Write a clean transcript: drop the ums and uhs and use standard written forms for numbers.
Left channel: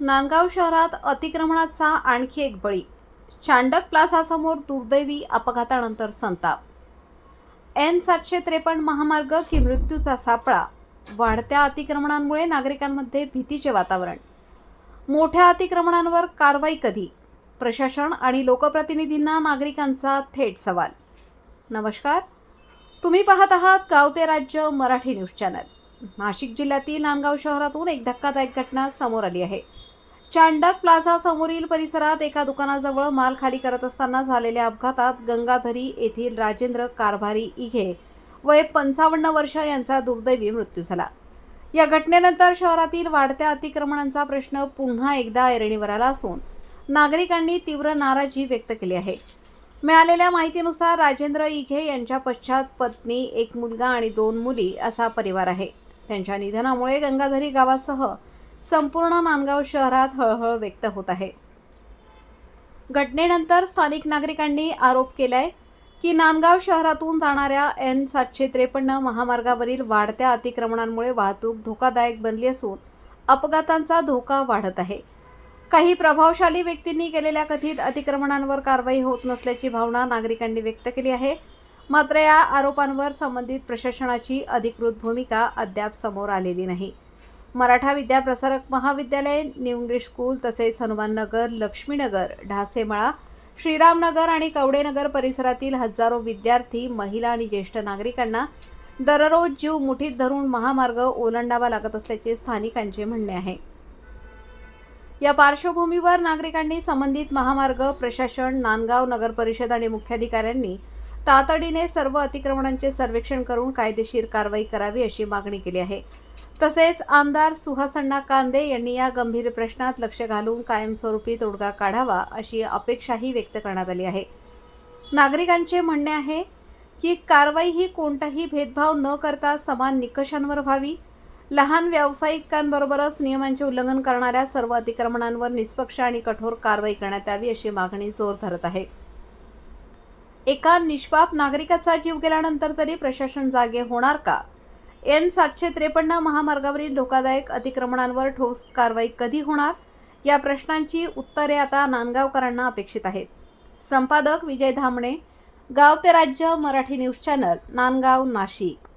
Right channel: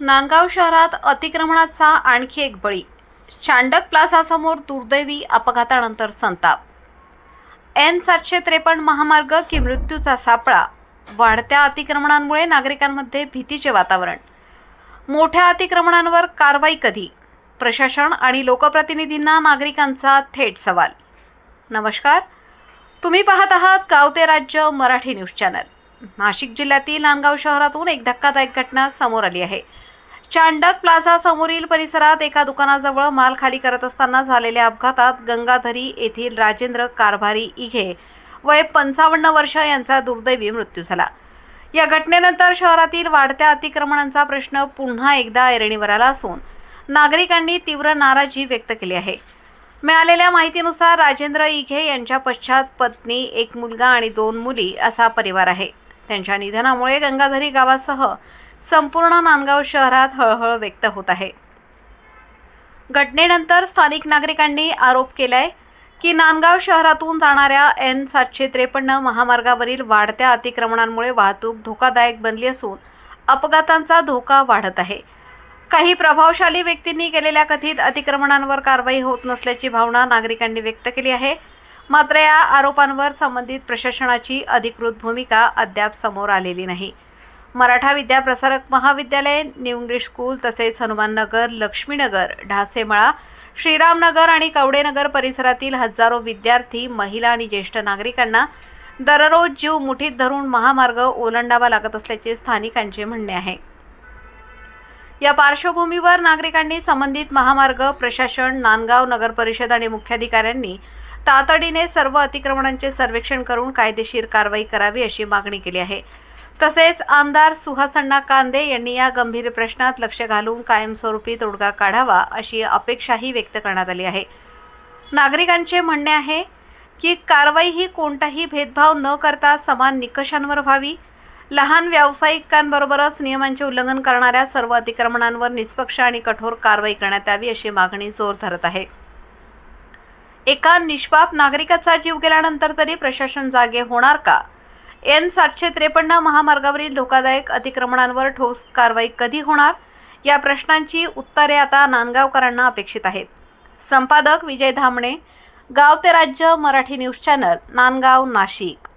नांदगाव शहरात अतिक्रमणाचा आणखी एक बळी. चांडक प्लाझासमोर दुर्दैवी अपघातानंतर संताप. N753 महामार्ग की मृत्यूचा सापळा. वाढत्या अतिक्रमणांमुळे नागरिकांमध्ये भीतीचे वातावरण. मोठ्या अतिक्रमणांवर कारवाई कधी? प्रशासन आणि लोकप्रतिनिधींना नागरिकांचा थेट सवाल. नमस्कार, तुम्ही पाहत आहात गाव ते राज्य मराठी न्यूज चॅनल. नाशिक जिल्ह्यातील नांदगाव शहरातून एक धक्कादायक घटना समोर आली आहे. चांडक प्लाझा समोरील परिसरात एका दुकानाजवळ माल खाली करत असताना झालेल्या अपघातात गंगाधरी येथील राजेंद्र कारभारी इघे वय 55 वर्ष यांचा दुर्दैवी मृत्यू झाला. या घटनेनंतर शहरातील वाढत्या अतिक्रमणांचा प्रश्न पुन्हा एकदा ऐरणीवर आला असून नागरिकांनी तीव्र नाराजी व्यक्त केली आहे. मिळालेल्या माहितीनुसार राजेंद्र इघे यांच्या पश्चात पत्नी, एक मुलगा आणि 2 मुली असा परिवार आहे. त्यांच्या निधनामुळे गंगाधरी गावासह संपूर्ण नांदगाव शहरात हळहळ व्यक्त होत आहे. घटनेनंतर स्थानिक नागरिकांनी आरोप केलाय की नांदगाव शहरातून जाणाऱ्या N753 महामार्गावरील वाढत्या अतिक्रमणांमुळे वाहतूक धोकादायक बनली असून अपघातांचा धोका वाढत आहे. काही प्रभावशाली व्यक्तींनी केलेल्या कथित अतिक्रमणांवर कारवाई होत नसल्याची भावना नागरिकांनी व्यक्त केली आहे. मात्र या आरोपांवर संबंधित प्रशासनाची अधिकृत भूमिका अद्याप समोर आलेली नाही. मराठा विद्याप्रसारक महाविद्यालय, न्यू इंग्लिश स्कूल तसेच हनुमाननगर, लक्ष्मीनगर, ढासेमळा, श्रीरामनगर आणि कवडेनगर परिसरातील हजारो विद्यार्थी, महिला आणि ज्येष्ठ नागरिकांना दररोज जीव मुठीत धरून महामार्ग ओलांडावा लागत असल्याचे स्थानिकांचे म्हणणे आहे. या पार्श्वभूमीवर नागरिकांनी संबंधित महामार्ग प्रशासन, नांदगाव नगर परिषद आणि मुख्याधिकाऱ्यांनी तातडीने सर्व अतिक्रमणांचे सर्वेक्षण करून कायदेशीर कारवाई करावी अशी मागणी केली आहे. तसेच आमदार सुहासअण्णा कांदे यांनी या गंभीर प्रश्नात लक्ष घालून कायमस्वरूपी तोडगा काढावा अशी अपेक्षाही व्यक्त करण्यात आली आहे. नागरिकांचे म्हणणे आहे की कारवाई ही कोणताही भेदभाव न करता समान निकषांवर व्हावी. लहान व्यावसायिकांबरोबरच नियमांचे उल्लंघन करणाऱ्या सर्व अतिक्रमणांवर निष्पक्ष आणि कठोर कारवाई करण्यात यावी अशी मागणी जोर धरत आहे. एका निष्पाप नागरिकाचा जीव गेल्यानंतर तरी प्रशासन जागे होणार का? N753 महामार्गावरील धोकादायक अतिक्रमणांवर ठोस कारवाई कधी होणार? या प्रश्नांची उत्तरे आता नांदगावकरांना अपेक्षित आहेत. संपादक विजय धामणे, गाव ते राज्य मराठी न्यूज चॅनल, नांदगाव, नाशिक.